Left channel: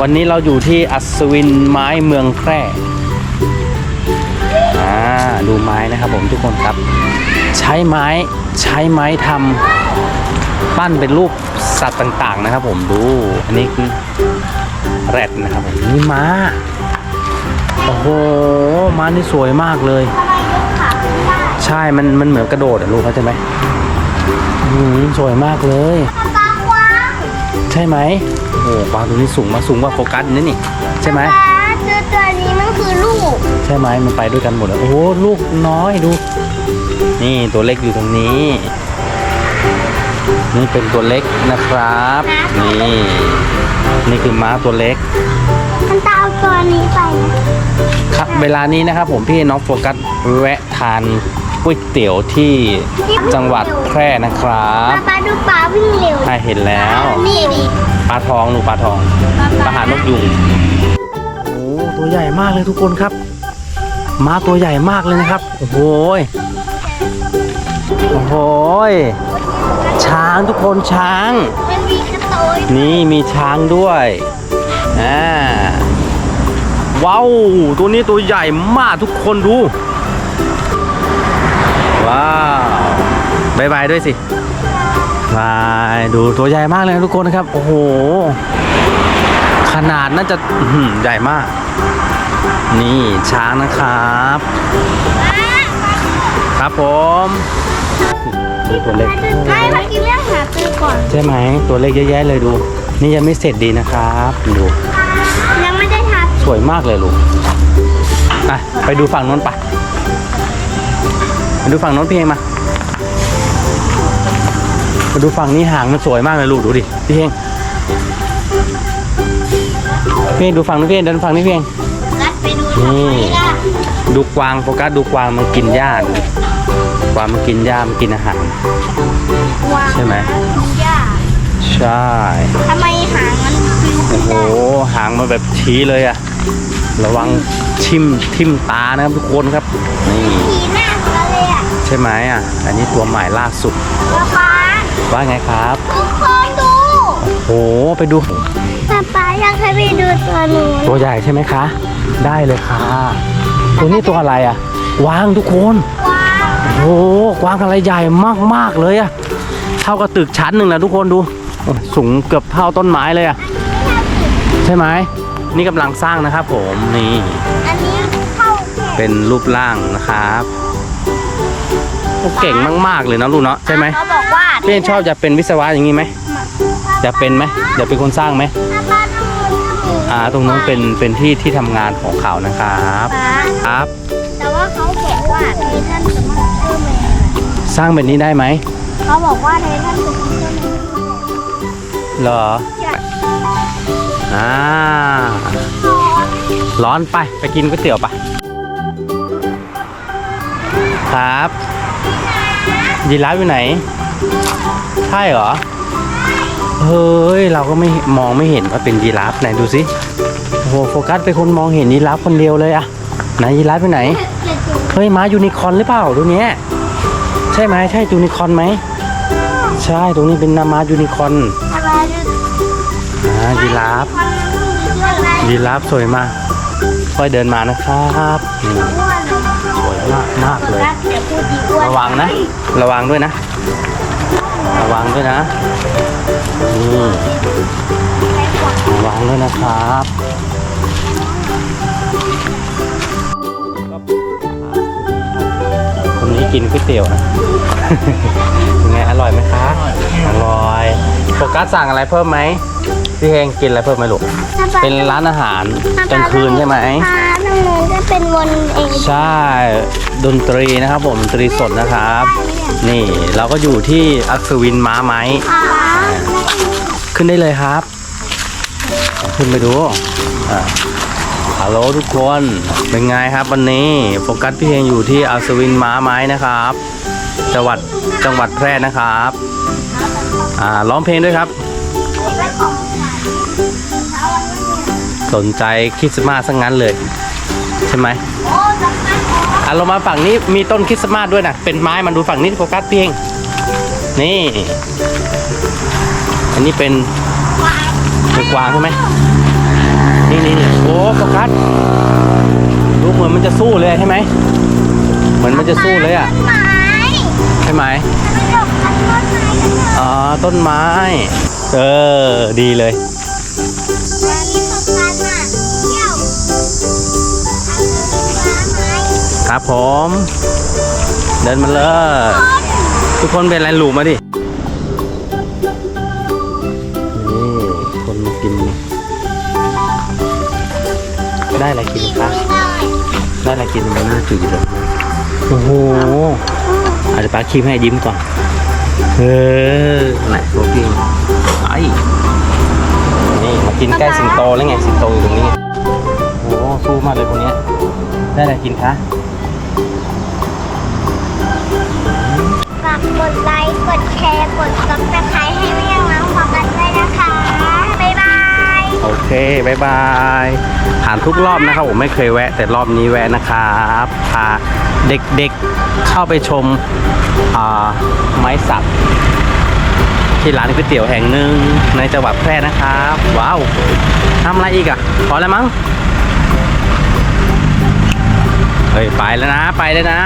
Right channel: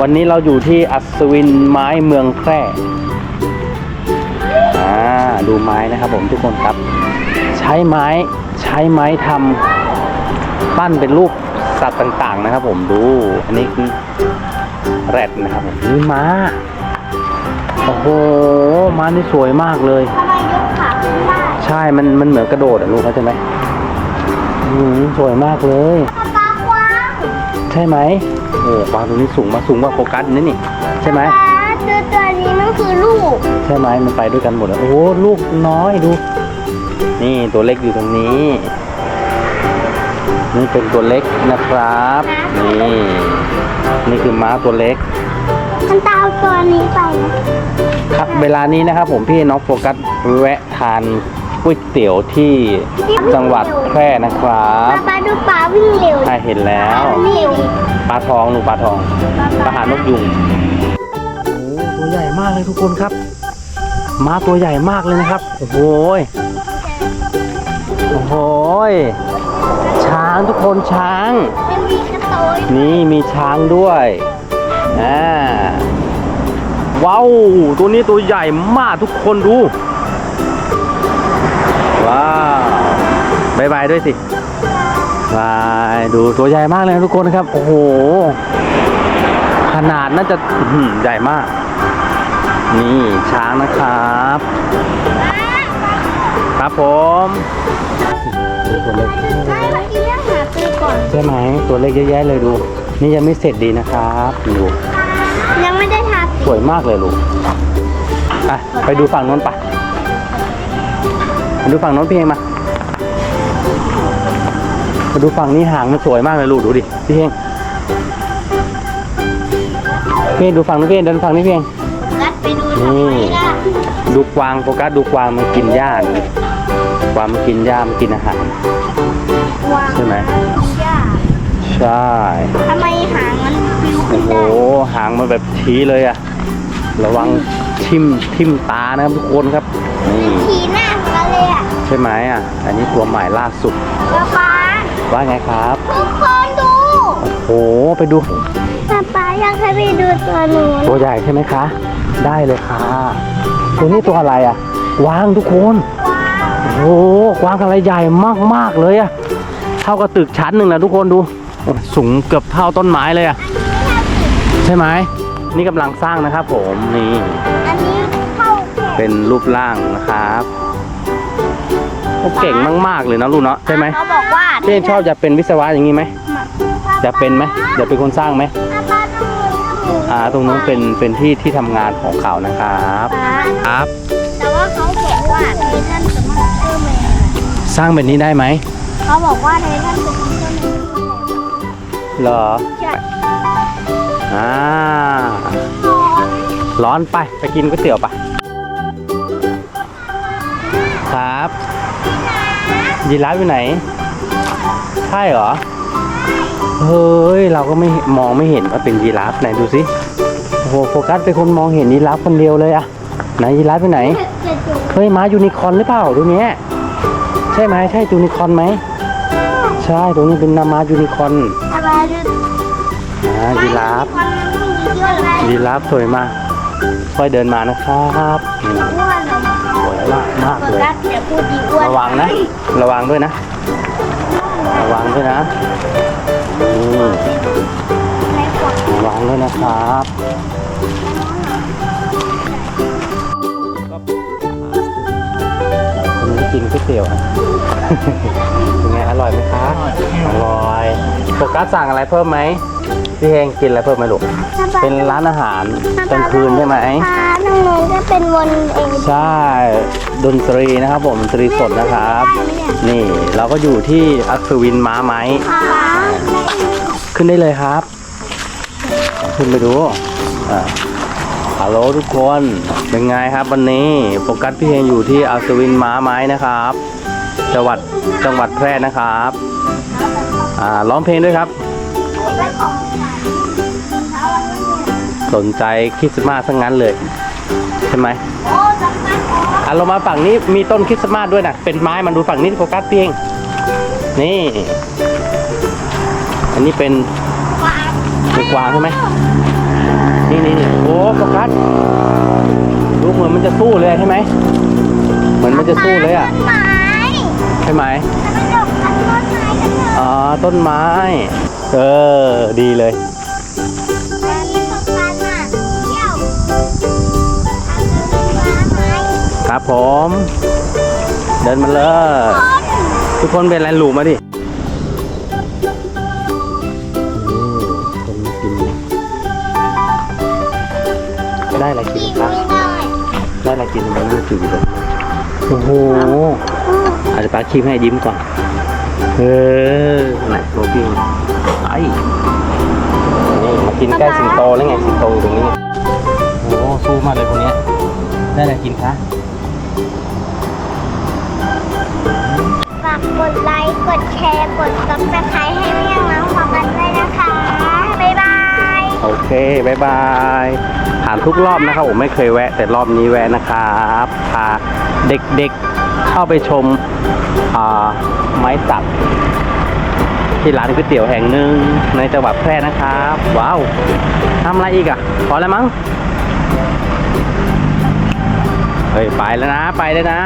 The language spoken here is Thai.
วันนี้เราอยู่ที่อัศวินไม้เมืองแพร่อ่าดูไม้นะครับผมทุกคนครับ ใช้ไม้ใช้ไม้ทำปั้นเป็นรูปสัตว์ต่างๆนะครับ ผมดูอันนี้คือแรดนะครับผมนี่ม้าโอ้โหม้านี่สวยมากเลยทำไมยกขาขึ้นได้ใช่มันมันเหมือนกระโดดอะลูกเข้าใจไหมอืมสวยมากเลยปลากวางใช่ไหม โอ้ปลาตัวนี้สูงมาสูงกว่าโฟกัสนี่นี่ใช่ไหมปลาเจอตัวนี้มันคือลูก ใช่ไหมมันไปด้วยกันหมดเลยโอ้โหลูกน้อยดู นี่ตัวเล็กอยู่ตรงนี้ นี่เป็นตัวเล็กนะครับ นี่นี่คือม้าตัวเล็กมันตามตัวนี้ไปนะครับเวลานี้นะครับผมพี่น้องโฟกัสแวะทาน ก๋วยเตี๋ยวที่จังหวัดแพร่นะครับปลาดูปลาวิ่งเร็วถ้าเห็นแล้วนี่ดิปลาทองหนูปลาทองปลาหานกยุงโอ้ตัวใหญ่มากเลยทุกคนครับม้าตัวใหญ่มากเลยนะครับโอ้โหยโอ้โหยช้างทุกคนช้างมันมีกระโตยนี่มีช้างด้วยอ่าว้าวตัวนี้ตัวใหญ่มากทุกคนดู บายบายด้วยสิบายดูตัวใหญ่มากเลยนะทุกคนครับ โอ้โห ขนาดน่าจะอื้อหือใหญ่มาก นี่ช้างนะครับ ครับผมดูตัวเล็กไม่เมื่อกี้เรื่องหาซื้อก่อน ใช่ไหมตัวเล็กเยอะแยะเลยดู นี่ยังไม่เสร็จดีนะครับดูยังไม่ได้ทาสวยมากเลยลูกไปไปดูฝั่งโน้นไปไปดูฝั่งโน้นพี่เฮงมา ไปดูฝั่งนี้หางมันสวยมากเลยลูกดูดิพี่เฮงพี่เฮงดูฝั่งนู้นพี่เฮงเดินฝั่งนี้พี่เฮงรัดไปดูทำไมล่ะดูกวางโฟกัสดูกวางมันกินหญ้าดูกวางมันกินหญ้ามันกินอาหาร วางใช่ไหมยาใช่ทำไมหางมันฟิวขึ้โอ้นโหได้หางมันแบบชี้เลยอะระวังทิ่มทิ่มตานะครับทุกคนครับนี่ทีหน้าของเราเลยอะใช่ไหมอะอันนี้ตัวใหม่ล่าสุดป๊าป๊า ว่าไงครับ ทุกคนดูโหไปดูป๊าป๊าอยากให้ไปดูตัวหนูตัวใหญ่ใช่ไหมคะ ได้เลยค่ะตัวนี้ตัวอะไรอะกวางทุกคนว้าวโอ้โหกวางอะไรใหญ่มากๆเลยอะเท่ากับตึกชั้นหนึ่งนะทุกคนดู สูงเกือบเท่าต้นไม้เลยอะใช่ไหมนี่กำลังสร้างนะครับ ผมนี่อันนี้เข้าแขนเป็นรูปร่างนะครับโอ้เก่งมากๆเลยนะลูกเนาะใช่ไหมเขาบอก ว่าพี่ชอบจะเป็นวิศวะอย่างนี้ไหมจะเป็นไหมจะเป็นคนสร้างไหมป๊าป๊าดูมืออ่าตรงนู้นเป็นเป็นที่ที่ทำงานของเขานะครับป๊าครับ แต่ว่าเขาบอกว่าเททันจะมาเพิ่มเลยสร้างแบบนี้ได้ไหมเขาบอกว่าเททันจะมาเพิ่มเลยเหรออ่าร้อนไปไปกินก๋วยเตี๋ยวปะครับ ยีราฟอยู่ไหน ใช่เหรอ เฮ้ย เราก็ไม่มองไม่เห็นว่าเป็นยีราฟไหนดูสิโอ้โหโฟกัสเป็นคนมองเห็นยีราฟคนเดียวเลยอะไหนยีราฟอยู่ไหน เฮ้ยม้ายูนิคอร์นหรือเปล่าตัวเนี้ยใช่ไหมใช่ยูนิคอร์นไหม ใช่ตรงนี้เป็นนามายูนิคอร์นอะไรดูอ่ายีราฟมันมีเยอะเลยยีราฟสวยมาก ค่อยเดินมานะครับนี่อ้วนเหรอสวยมากมากคนเลยรักเดี๋ยวพูดดีอ้วนระวังนะ ระวังด้วยนะ ระวังด้วยนะนี่ระวังด้วยนะครับคนนี้กินก๋วยเตี๋ยวนะเป็นไงอร่อยไหมคะอร่อยโฟกัสสั่งอะไรเพิ่มไหม พี่เฮงกินอะไรเพิ่มไหมลูก เป็นร้านอาหารกลางคืนใช่ไหมอ่าทางโน้นก็เป็นวนเองใช่ ดนตรีนะครับผมดนตรีสดนะครับ นี่เราก็อยู่ที่อัศวินม้าไม้ค่ะขึ้นได้เลยครับ ขึ้นไปดูอ่าฮัลโหลทุกคนเป็นไงครับวันนี้โฟกัสพี่เฮงอยู่ที่อัศวินม้าไม้นะครับ จังหวัดจังหวัดแพร่นะครับ อ่าร้องเพลงด้วยครับ สนใจคริสต์มาสซะงั้นเลย ใช่ไหมโอ้จังเลยอะเรามาฝั่งนี้มีต้นคริสต์มาสด้วยนะเป็นไม้มันดูฝั่งนี้โฟกัสเพียงนี่ อันนี้เป็นว้าวเป็นกวางใช่ไหมนี่นี่นี่โอ้โฟกัสดูเหมือนมันจะสู้เลยใช่ไหมเหมือนมันจะสู้เลยอะต้นไม้ใช่ไหมมันหลบกับต้นไม้กันเถอะอ๋อต้นไม้ เออ ดีเลย ครับผม เดินมาเลย ทุกคนเป็นอะไรหลูมาดินี่คนมากิน ได้อะไรกินกินครับไม่ได้ได้อะไรกินมันน่าจืดเลยโอ้โหอาจจะปาคีมให้ยิ้มก่อนเออไหนตัวพี่ไอ้นี่มากินใกล้สิงโตแล้วไงสิงโตอยู่ตรงนี้โอ้โหสู้มากเลยพวกเนี้ยได้อะไรกินคะ กกดไลค์ กดแชร์ กดซับสไครต์ให้แม่ยังน้องโฟกัสด้วยนะคะ บ๊ายบาย โอเคบายบายผ่านทุกรอบนะครับผมไม่เคยแวะ แต่รอบนี้แวะนะครับพาเด็กๆเข้าไปชมอ่าไม้สักที่ร้านก๋วยเตี๋ยวแห่งหนึ่งในจังหวัดแพร่นะครับ ว้าวทำอะไรอีกอะพอแล้วมั้งเฮ้ยไปแล้วนะ ไปเลยนะ